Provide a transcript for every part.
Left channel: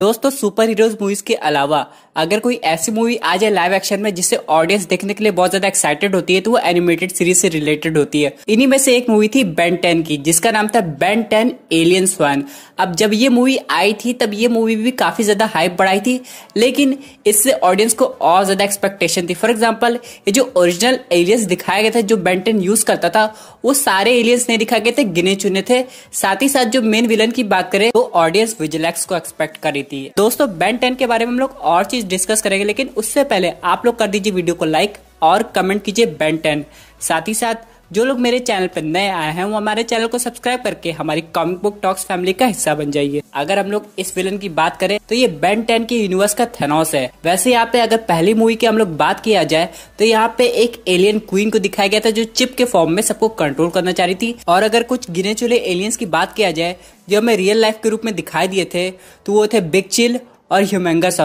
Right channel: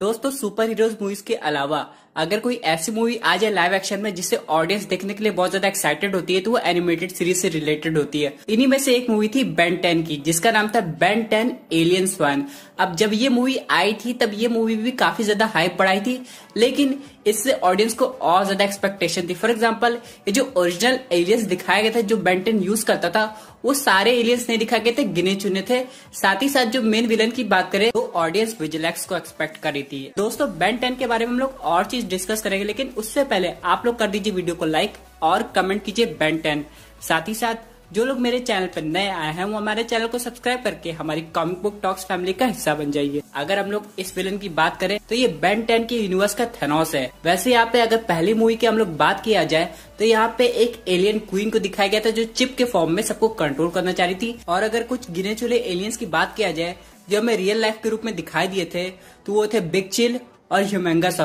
दोस्तों super heroes movies के अलावा अगर कोई ऐसी मूवी आ जाए लाइव एक्शन में जिससे ऑडियंस देखने के लिए बहुत ज्यादा एक्साइटेड होती है तो वो एनिमेटेड सीरीज से रिलेटेड होती है। इन्हीं में से एक मूवी थी बेन 10 की जिसका नाम था बेन 10 एलियंस 1। अब जब ये मूवी आई थी तब ये मूवी भी काफी ज्यादा हाइप बढ़ाई थी, लेकिन इससे ऑडियंस को और ज्यादा एक्सपेक्टेशन थी। फॉर एग्जाम्पल ये जो ओरिजिनल एलियंस दिखाया गया था जो बेन 10 यूज करता था वो सारे एलियंस नहीं दिखाए गए थे, गिने चुने थे। साथ ही साथ जो मेन विलन की बात करें तो ऑडियंस विजिलैक्स को एक्सपेक्ट कर रही थी। दोस्तों बेन 10 के बारे में हम लोग और चीज डिस्कस करेंगे, लेकिन उससे पहले आप लोग कर दीजिए वीडियो को लाइक और कमेंट कीजिए बेन 10। साथ ही साथ जो लोग मेरे चैनल पर नए आए हैं वो हमारे चैनल को सब्सक्राइब करके हमारी कॉमिक बुक टॉक्स फैमिली का हिस्सा बन जाइए। अगर हम लोग इस विलन की बात करें तो ये बेन 10 के यूनिवर्स का थेनोस है। वैसे यहाँ पे अगर पहली मूवी की हम लोग बात किया जाए तो यहाँ पे एक एलियन क्वीन को दिखाया गया था जो चिप के फॉर्म में सबको कंट्रोल करना चाह रही थी। और अगर कुछ गिने चुने एलियंस की बात किया जाए जो हमें रियल लाइफ के रूप में दिखाई दिए थे तो वो थे बिग चिल और ह्यूमंगस।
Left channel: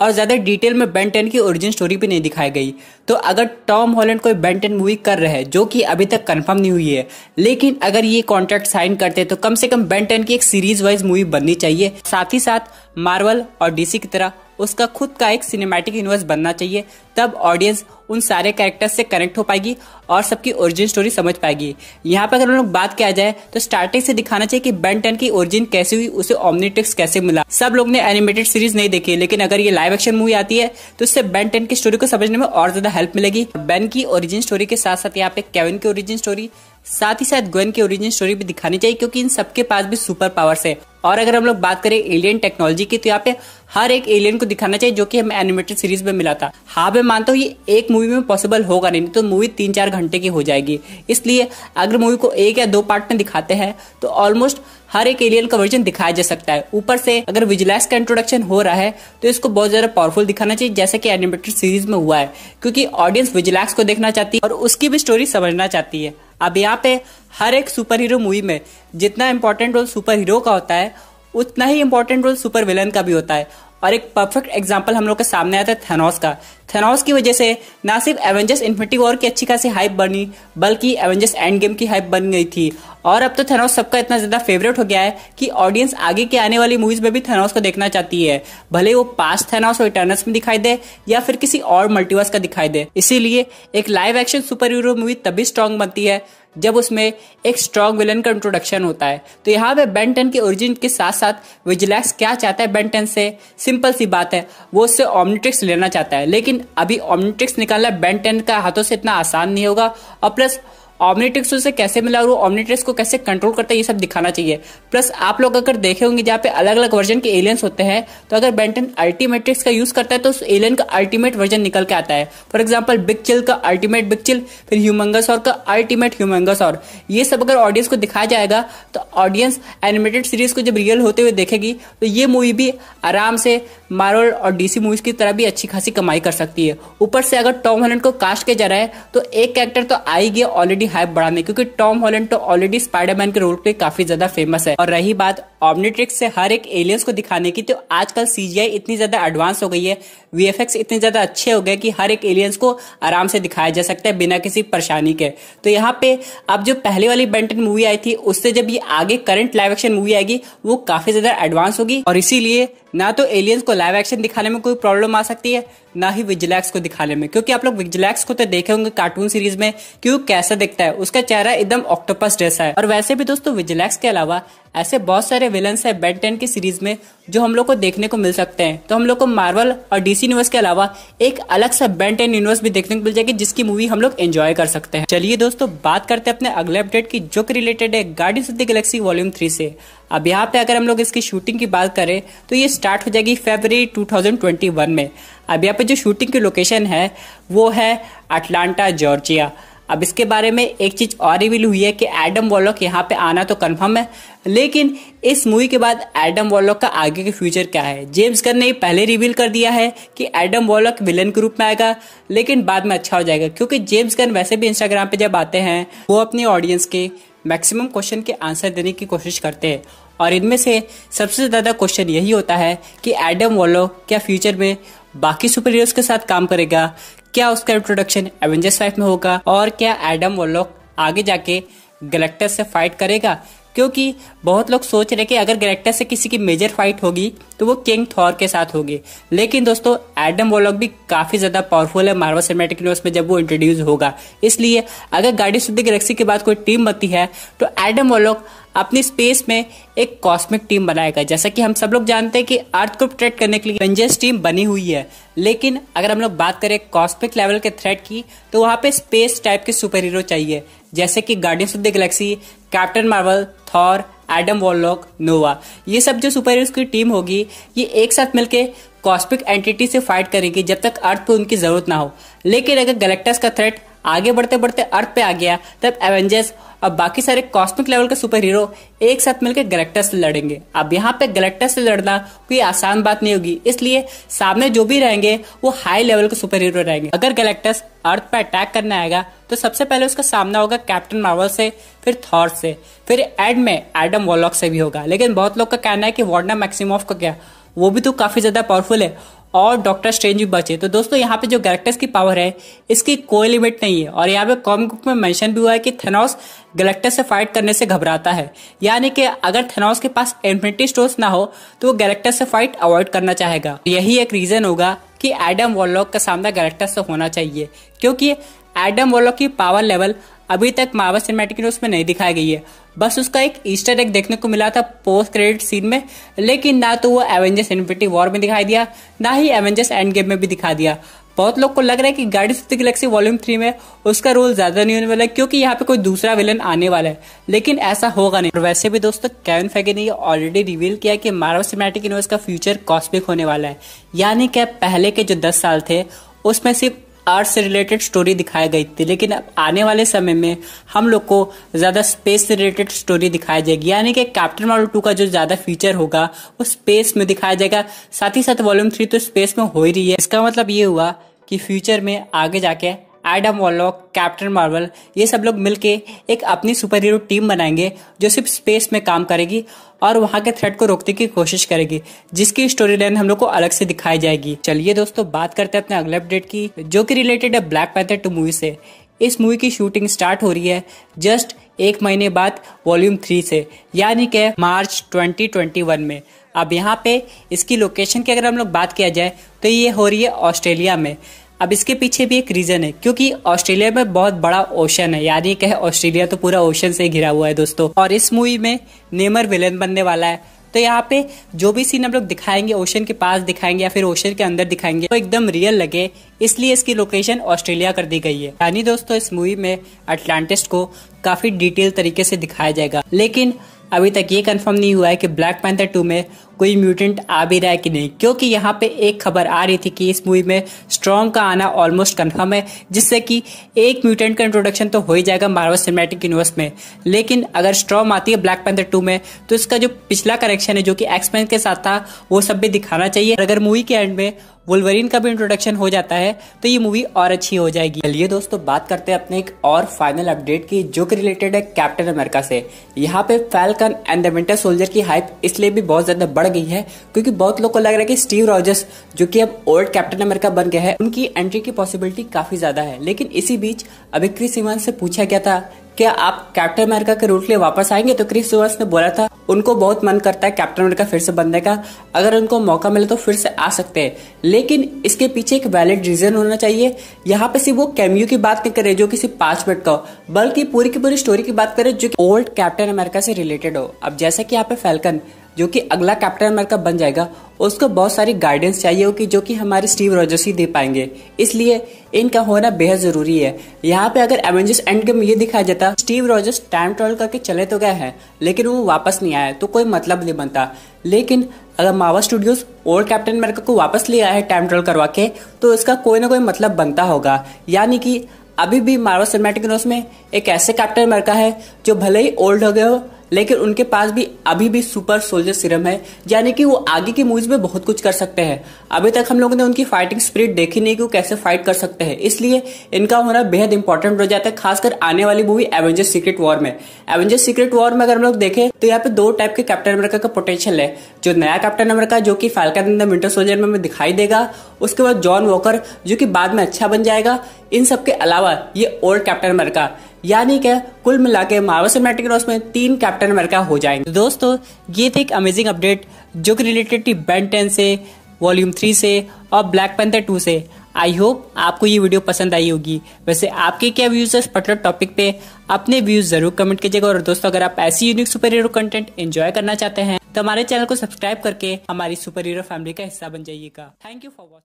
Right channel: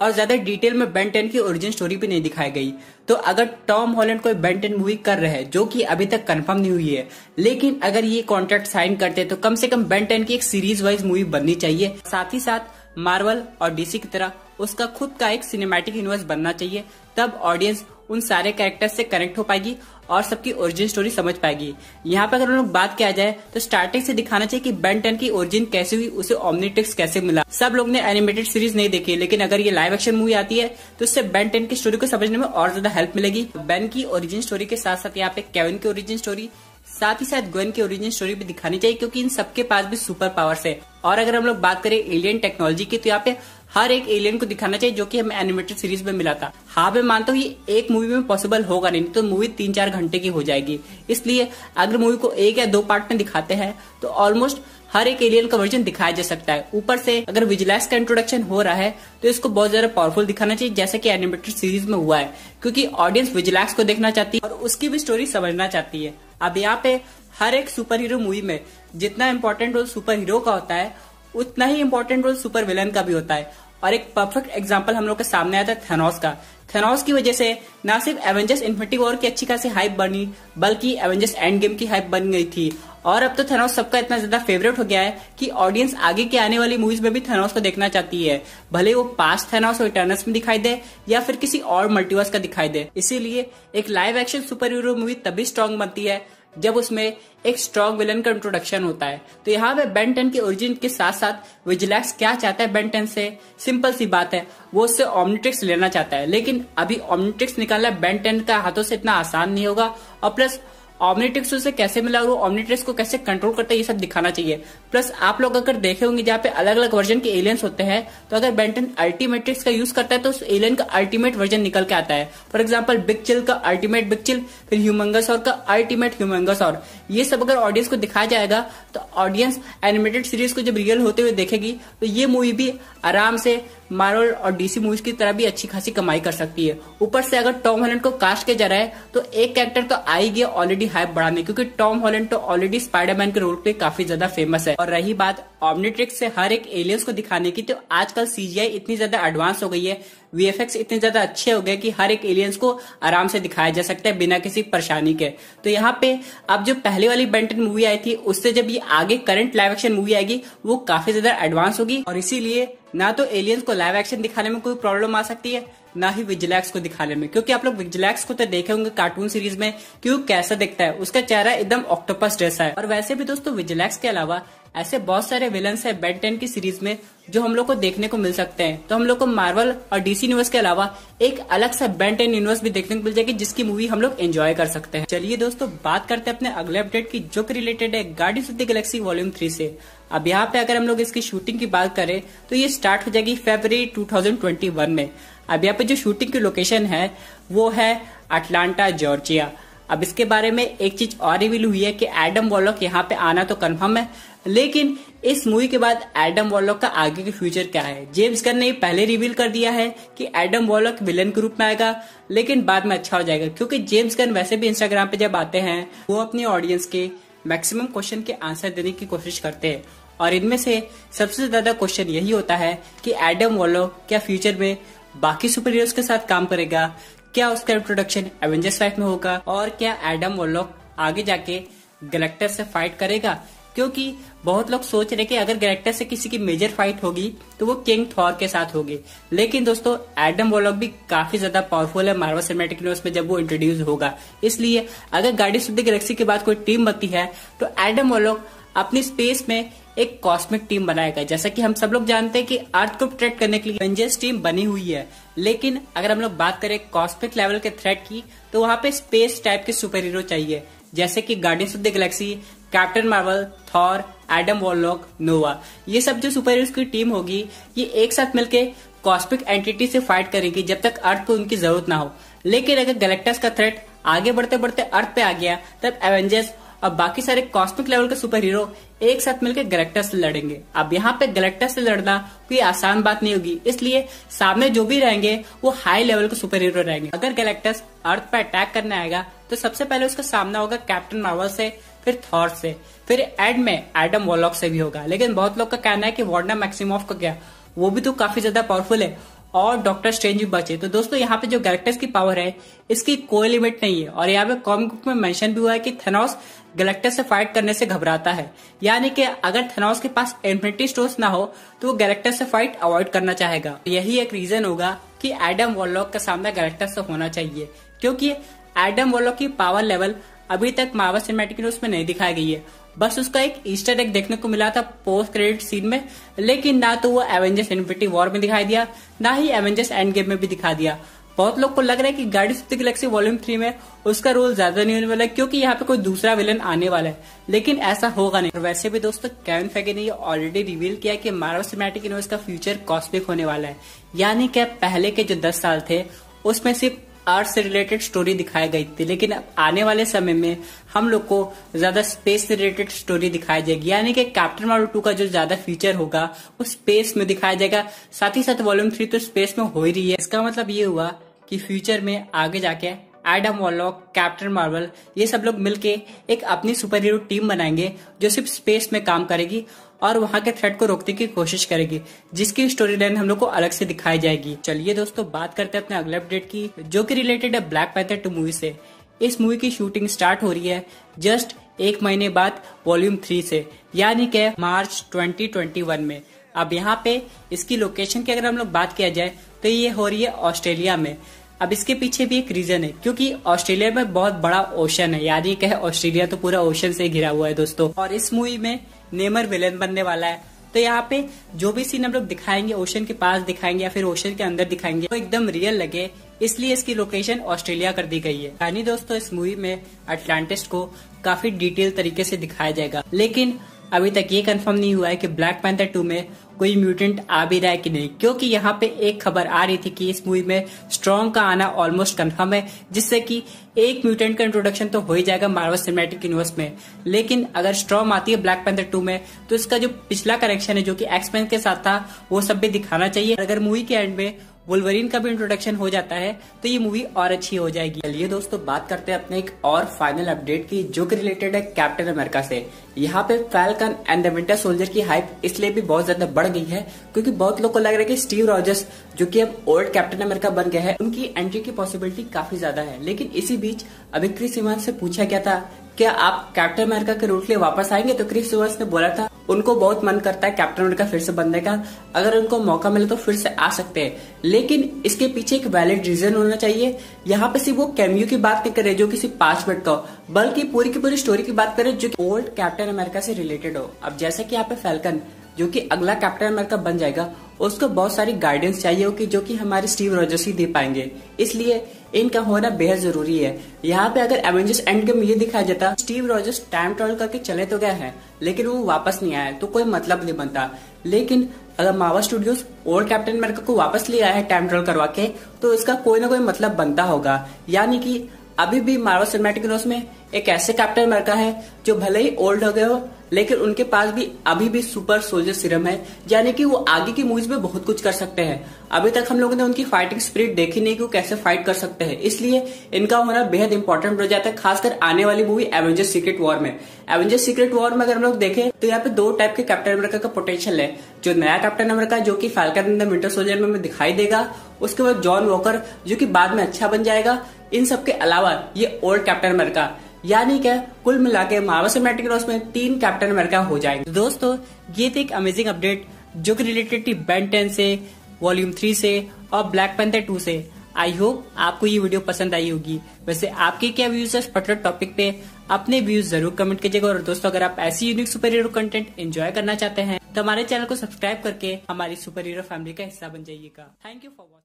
और ज्यादा डिटेल में बेन 10 की ओरिजिन स्टोरी भी नहीं दिखाई गई। तो अगर टॉम हॉलैंड कोई बेन 10 मूवी कर रहे हैं जो कि अभी तक कंफर्म नहीं हुई है, लेकिन अगर ये कॉन्ट्रैक्ट साइन करते हैं तो कम से कम बेन 10 की एक सीरीज वाइज मूवी बननी चाहिए। साथ ही साथ मार्वल और डीसी की तरह उसका खुद का एक सिनेमैटिक यूनिवर्स बनना चाहिए, तब ऑडियंस उन सारे कैरेक्टर्स से कनेक्ट हो पाएगी और सबकी ओरिजिन स्टोरी समझ पाएगी। यहाँ पे अगर हम लोग बात किया जाए तो स्टार्टिंग से दिखाना चाहिए कि बेन 10 की ओरिजिन कैसे हुई, उसे ओमनिट्रिक्स कैसे मिला। सब लोग ने एनिमेटेड सीरीज नहीं देखी, लेकिन अगर ये लाइव एक्शन मूवी आती है तो इससे बेन 10 की स्टोरी को समझने में और ज्यादा हेल्प मिलेगी। बेन की ओरिजिन स्टोरी के साथ साथ यहाँ पे केविन की ओरिजिन स्टोरी, साथ ही साथ ग्वेन की ओरिजिन स्टोरी भी दिखानी चाहिए क्योंकि इन सबके पास भी सुपर पावर्स है। और अगर हम लोग बात करें एलियन टेक्नोलॉजी की तो यहाँ पे हर एक एलियन को दिखाना चाहिए जो कि हमें एनिमेटेड सीरीज में मिला था। हाँ मैं मानता हूँ ये एक मूवी में पॉसिबल होगा नहीं, तो मूवी 3-4 घंटे की हो जाएगी। इसलिए अगर मूवी को 1 या 2 पार्ट में दिखाते हैं तो ऑलमोस्ट हर एक एलियन का वर्जन दिखाया जा सकता है। ऊपर से अगर विजिलैक्स का इंट्रोडक्शन हो रहा है तो इसको बहुत ज्यादा पावरफुल दिखाना चाहिए जैसे कि एनिमेटेड सीरीज में हुआ है, क्योंकि ऑडियंस विजिलैक्स को देखना चाहती है और उसकी भी स्टोरी समझना चाहती है। अब यहाँ पे हर एक सुपर हीरो मूवी में जितना इंपॉर्टेंट रोल सुपर हीरो का होता है उतना ही इंपॉर्टेंट रोल सुपर विलन का भी होता है। और एक परफेक्ट एग्जांपल हम लोग के सामने आता है थेनोस का। थेनोस की वजह से ना सिर्फ एवेंजर्स इन्फिनिटी वॉर की अच्छी खासी हाइप बनी, बल्कि एवेंजर्स एंड गेम की हाइप बन गई थी। और अब तो थेनोस सबका इतना ज्यादा फेवरेट हो गया है कि ऑडियंस आगे के आने वाली मूवीज में भी थेनोस को देखना चाहती है, भले वो पास्ट थेनोस और इटर्नल्स में दिखाई दे या फिर किसी और मल्टीवर्स का दिखाई दे। इसीलिए एक live action super hero movie तभी स्ट्रांग बनती है जब उसमें एक स्ट्रॉन्ग विलन का इंट्रोडक्शन होता है। तो यहाँ पे बेन 10 के ओरिजिन के साथ साथ विजिलैक्स क्या चाहता है बेन 10 से, सिंपल सी बात है, वो उससे ओमनिट्रिक्स लेना चाहता है। लेकिन अभी ओमनिट्रिक्स निकालना बेन 10 का हाथों से इतना आसान नहीं होगा, और प्लस ओमनिट्रिक्स उसे कैसे मिला और वो ओमनिट्रिक्स को कैसे कंट्रोल करता है ये सब दिखाना चाहिए। प्लस आप लोग अगर देखे होंगे जहाँ पे अलग अलग वर्जन के एलियंस होते हैं, तो अगर बेन 10 अल्टीमेट्रिक्स का यूज करता है तो उस एलियन का अल्टीमेट वर्जन निकल के आता है। फॉर एग्जाम्पल बिग चिल का अल्टीमेट बिग चिल, फिर ह्यूमंगस और का अल्टीमेट ह्यूमंगस। और ये सब अगर ऑडियंस को दिखाया जाएगा तो ऑडियंस एनिमेटेड सीरीज को जब रियल होते हुए देखेगी तो ये मूवी भी आराम से मार्वल और डीसी मूवीज की तरह भी अच्छी खासी कमाई कर सकती है। ऊपर से अगर टॉम हॉलैंड को कास्ट किया जा रहा है तो एक कैरेक्टर तो आ ही गया ऑलरेडी हाइप बढ़ाने, क्योंकि टॉम हॉलैंड तो ऑलरेडी स्पाइडरमैन के रोल पे काफी ज्यादा फेमस है। और रही बात ओमनिट्रिक्स से हर एक एलियंस को दिखाने की, तो आजकल सीजीआई इतनी ज्यादा एडवांस हो गई है, वीएफएक्स इतने ज्यादा अच्छे हो गए कि हर एक एलियंस को आराम से दिखाया जा सकता है बिना किसी परेशानी के। तो यहाँ पे अब जो पहले वाली बेन 10 मूवी आई थी उससे जब ये आगे करंट लाइव एक्शन मूवी आएगी वो काफी ज्यादा एडवांस होगी, और इसीलिए ना तो एलियंस को लाइव एक्शन दिखाने में कोई प्रॉब्लम आ सकती है ना ही विजिलैक्स को दिखाने में, क्योंकि आप लोग विजिलैक्स को तो देखे होंगे कार्टून सीरीज में क्यों कैसा दिखता है, उसका चेहरा एकदम ऑक्टोपस जैसा है। और वैसे भी दोस्तों विजिलैक्स के अलावा ऐसे बहुत सारे विलन्स है बेन 10 की सीरीज में जो हम लोग को देखने को मिल सकते हैं। तो हम लोग को मार्वल और डीसी यूनिवर्स के अलावा एक अलग सा बेन 10 यूनिवर्स भी देखने को मिल जाएगी जिसकी मूवी हम लोग एंजॉय कर सकते हैं। चलिए दोस्तों बात करते हैं अपने अगले अपडेट की जो कि रिलेटेड है guardians of the Galaxy volume 3 से। अब यहाँ पे अगर हम लोग इसकी शूटिंग की बात करें तो ये स्टार्ट हो जाएगी फरवरी 2021 में। अब यहाँ पे जो शूटिंग की लोकेशन है वो है अटलांटा जॉर्जिया। अब इसके बारे में एक चीज और रिवील हुई है कि एडम वॉलॉक यहाँ पे आना तो कंफर्म है, लेकिन इस मूवी के बाद एडम वॉलॉक का आगे के फ्यूचर क्या है। जेम्स गन ने पहले रिवील कर दिया है कि एडम वॉलॉक विलन के रूप में आएगा, लेकिन बाद में अच्छा हो जाएगा, क्योंकि जेम्स गन वैसे भी इंस्टाग्राम पे जब आते हैं वो अपने ऑडियंस के मैक्सिमम क्वेश्चन के आंसर देने की कोशिश करते हैं, और इनमें से सबसे ज्यादा क्वेश्चन यही होता है कि एडम वॉलॉक क्या फ्यूचर में बाकी सुपर हीरोज के साथ काम करेगा, क्या उसका इंट्रोडक्शन एवेंजर्स लाइफ में होगा, और क्या एडम वॉलॉक आगे जाके गैलेक्टस से फाइट करेगा, क्योंकि बहुत लोग सोच रहे कि अगर गैलेक्टस से किसी की मेजर फाइट होगी तो वो किंग थॉर के साथ होगी। लेकिन दोस्तों एडम वॉरलॉक भी काफी ज्यादा पावरफुल है मार्वल सिनेमैटिक यूनिवर्स में जब वो इंट्रोड्यूस होगा। इसलिए अगर गार्डियंस ऑफ द गैलेक्सी के बाद कोई टीम बनती है तो एडम वॉरलॉक अपनी स्पेस में एक कॉस्मिक टीम बनाएगा। जैसा कि हम सब लोग जानते हैं कि अर्थ को प्रोटेक्ट करने के लिए एवेंजर्स टीम बनी हुई है, लेकिन अगर हम लोग बात करें कॉस्मिक लेवल के थ्रेट की तो वहां पे स्पेस टाइप के सुपर हीरो चाहिए, जैसे कि Guardians of the Galaxy, Captain Marvel, Thor, Adam Warlock, Nova. ये सब जो सुपर हीरोज की टीम होगी ये एक साथ मिलकर कॉस्मिक एंटिटी से फाइट करेंगी जब तक अर्थ पे उनकी जरूरत ना हो। लेकिन अगर गैलेक्टस का थ्रेट आगे बढ़ते बढ़ते अर्थ पे आ गया तब एवेंजर्स और बाकी सारे कॉस्मिक लेवल के सुपर हीरो एक साथ मिलकर गैलेक्टस से लड़ेंगे। अब यहाँ पे गैलेक्टस से लड़ना कोई आसान बात नहीं होगी, इसलिए सामने जो भी रहेंगे वो हाई लेवल के सुपर हीरो रहेंगे। अगर गैलेक्टस अर्थ पे अटैक करने आएगा तो सबसे पहले उसका सामना होगा कैप्टन मार्वल से, फिर थॉर से, फिर एंड में एडम वॉरलॉक से भी होगा। लेकिन बहुत लोग का कहना है कि वांडा मैक्सिमोफ का क्या, वो भी तो काफी ज्यादा पावरफुल है और डॉक्टर स्ट्रेंज भी बचे। तो दोस्तों यहाँ पे जो गैलेक्टस की पावर है इसकी कोई लिमिट नहीं है। और यहाँ पे कॉमिक बुक में मेंशन भी हुआ है कि थेनोस गैलेक्टस से फाइट करने से घबराता है, यानी कि अगर थेनोस के पास इन्फिनिटी स्टोन्स ना हो तो वो गैलेक्टस से फाइट अवॉइड करना चाहेगा। यही एक रीजन होगा कि एडम वॉरलॉक का सामना गैलेक्टस से होना चाहिए, क्योंकि एडम वॉरलॉक की पावर लेवल अभी तक मार्वल सिनेमैटिक यूनिवर्स में नहीं दिखाई गई है। बस उसका एक ईस्टर एग देखने को मिला था पोस्ट क्रेडिट सीन में, लेकिन ना तो वो एवेंजर्स इन्फिनिटी वॉर में दिखाई दिया, ना ही एवेंजर्स एंड गेम में भी दिखा दिया। बहुत लोग को लग रहा है कि Guardians of the Galaxy volume 3 में उसका रोल ज्यादा नहीं होने वाला है, क्योंकि यहाँ पे कोई दूसरा विलन आने वाला है, लेकिन ऐसा होगा नहीं। और वैसे भी दोस्तों केविन फेगे ने ये ऑलरेडी रिवील किया कि मार्वल सिनेमैटिक यूनिवर्स का फ्यूचर कॉस्मिक होने वाला है, यानी कि पहले के जो 10 साल थे उसमें सिर्फ अर्थ से रिलेटेड स्टोरी दिखाई गई थी, लेकिन अब आने वाले समय में हम लोग को ज्यादा स्पेस से रिलेटेड स्टोरी दिखाई जाएगी, यानी कि कैप्टन मार्वल 2 का जो ज्यादा फीचर होगा वो स्पेस में दिखाया जाएगा। साथ ही साथ वॉल्यूम 3 तो स्पेस में हो ही रही है। इसका मतलब ये हुआ कि फ्यूचर में आगे जाके एडम वॉरलॉक, कैप्टन मार्वल ये सब लोग मिलके एक अपनी सुपर हीरो टीम बनाएंगे जो सिर्फ स्पेस में काम करेगी और वहां के थ्रेट को रोकने की कोशिश करेगी, जिसकी स्टोरी लाइन हम लोग को अलग से दिखाई जाएगी। चलिए दोस्तों बात करते हैं अपने अगले अपडेट की, जो कि रिलेटेड है ब्लैक पैंथर 2 मूवी से। इस मूवी की शूटिंग स्टार्ट हो रही है जस्ट 1 महीने बाद वॉल्यूम 3 से, यानी कि मार्च 2021 में। अब यहाँ पे इसकी लोकेशन की अगर हम लोग बात किया जाए तो ये हो रही है ऑस्ट्रेलिया में। अब इसके पीछे भी एक रीजन है, क्योंकि ऑस्ट्रेलिया में बहुत बड़ा ओशन है, यानी कि ऑस्ट्रेलिया तो पूरा ओशन से घिरा हुआ है दोस्तों। और इस मूवी में नेमर विलेन बनने वाला है, तो यहाँ पे जो भी सीन हम लोग दिखाएंगे ओशन के पास दिखाएंगे या फिर ओशन के अंदर दिखाएंगे तो एकदम रियल लगे, इसलिए इसकी लोकेशन ऑस्ट्रेलिया कर दी गई है। यानी दोस्तों इस मूवी में अटलांटिस को काफी डिटेल तरीके से दिखाया जाएगा, लेकिन अभी तक ये कंफर्म नहीं हुआ है कि ब्लैक पैंथर 2 में कोई म्यूटेंट आ भी रहा है कि नहीं, क्योंकि यहाँ पे एक खबर आ रही थी कि इस मूवी में स्ट्रॉन्ग का आना ऑलमोस्ट कंफर्म है, जिससे कि एक म्यूटेंट का इंट्रोडक्शन तो हो ही जाएगा मार्वल सिनेमैटिक यूनिवर्स में। लेकिन अगर स्ट्रॉन्ग आती है ब्लैक पैंथर 2 में तो इसका जो पिछला कनेक्शन है जो कि एक्स-मैन के साथ था वो सब भी दिखाना चाहिए। अगर मूवी के एंड में वुल्वरीन का भी इंट्रोडक्शन हो जाता है तो ये मूवी और अच्छी हो जाएगी। चलिए दोस्तों बात करते हैं अपने एक और फाइनल अपडेट की, जो कि रिलेटेड है कैप्टन अमेरिका से। यहाँ पे falcon and the winter soldier की हाइप इसलिए भी बहुत ज्यादा बढ़ गई है क्योंकि बहुत लोग को लग रहा है कि स्टीव रॉजर्स जो कि अब ओल्ड कैप्टन अमेरिका बन गए हैं उनकी एंट्री की पॉसिबिलिटी काफी ज्यादा है। लेकिन इसी बीच अभी क्रिस इवांस से पूछा गया था क्या आप कैप्टन अमेरिका के रोल के लिए वापस आएंगे, तो क्रिस इवांस ने बोला था उनको बहुत मन करता है कैप्टन अमेरिका फिर से बनने का, अगर उनको मौका मिले तो फिर से आ सकते हैं। लेकिन इसके पीछे एक वैलिड रीजन होना चाहिए। यहाँ पे सिर्फ वो कैमियो की बात नहीं कर रहे जो कि सिर्फ 5 मिनट का हो, बल्कि पूरी की पूरी स्टोरी की बात करें जो ओल्ड कैप्टन अमेरिका से रिलेटेड हो। अब जैसे कि यहाँ पे फैल्कन जो कि अगला कैप्टन अमेरिका बन जाएगा उसको बहुत सारी गाइडेंस चाहिए होगी जो कि हमारे स्टीव रॉजर्स ही दे पाएंगे, इसलिए इनका होना बेहद जरूरी है। यहाँ पे अगर एवेंजर्स एंड गेम ये दिखाया जाता स्टीव रॉजर्स टाइम ट्रैवल करके चले तो गए हैं लेकिन वो वापस नहीं आया तो कोई मतलब नहीं बनता। लेकिन अगर Marvel studios old captain America को वापस ले आया है टाइम ट्रैवल करवा के तो इसका कोई ना कोई मतलब बनता होगा, यानी कि अभी भी मार्वल सिनेमैटिक यूनिवर्स में एक ऐसे कैप्टन अमेरिका है जो भले ही ओल्ड हो गए हो लेकिन उनके पास भी अभी भी सुपर सोल्जर सीरम है, यानी कि वो आगे की मूवीज में बहुत कुछ कर सकते हैं। अभी तक हम लोगों ने उनकी फाइटिंग स्पिरिट देखी नहीं कि वो कैसे फाइट कर सकते हैं, इसलिए इनका होना बेहद इंपॉर्टेंट हो जाता है, खासकर आने वाली मूवी एवेंजर्स सीक्रेट वॉर में। एवेंजर्स सीक्रेट वॉर में अगर हम लोग देखें तो यहाँ पे 2 टाइप के कैप्टन अमेरिका का पोटेंशियल है। जो नया कैप्टन अमेरिका जो कि falcon and the winter soldier में दिखाई देगा, उसके बाद जॉन वॉकर जो कि बाद में अच्छा बन जाएगा। इन सब के अलावा ये ओल्ड कैप्टन अमेरिका यानी कि कुल मिला के मार्वल सिनेमैटिक यूनिवर्स में 3 कैप्टन अमेरिका हो जाएंगे। दोस्तों ये थे एक अमेजिंग अपडेट जो कि रिलेटेड थी बेन 10 से, वॉल्यूम 3 से और ब्लैक पैंथर 2 से। आई होप आपको ये वीडियो पसंद आई होगी। वैसे आपके क्या व्यूज है इस पर्टिकुलर टॉपिक पे, अपने व्यूज जरूर कमेंट कीजिएगा। और दोस्तों अगर आप ऐसी unique super hero content enjoy करना चाहते हैं तो हमारे चैनल को सब्सक्राइब करके हमारी सुपर हीरो फैमिली का हिस्सा बन जाइएगा। Thank you for watching.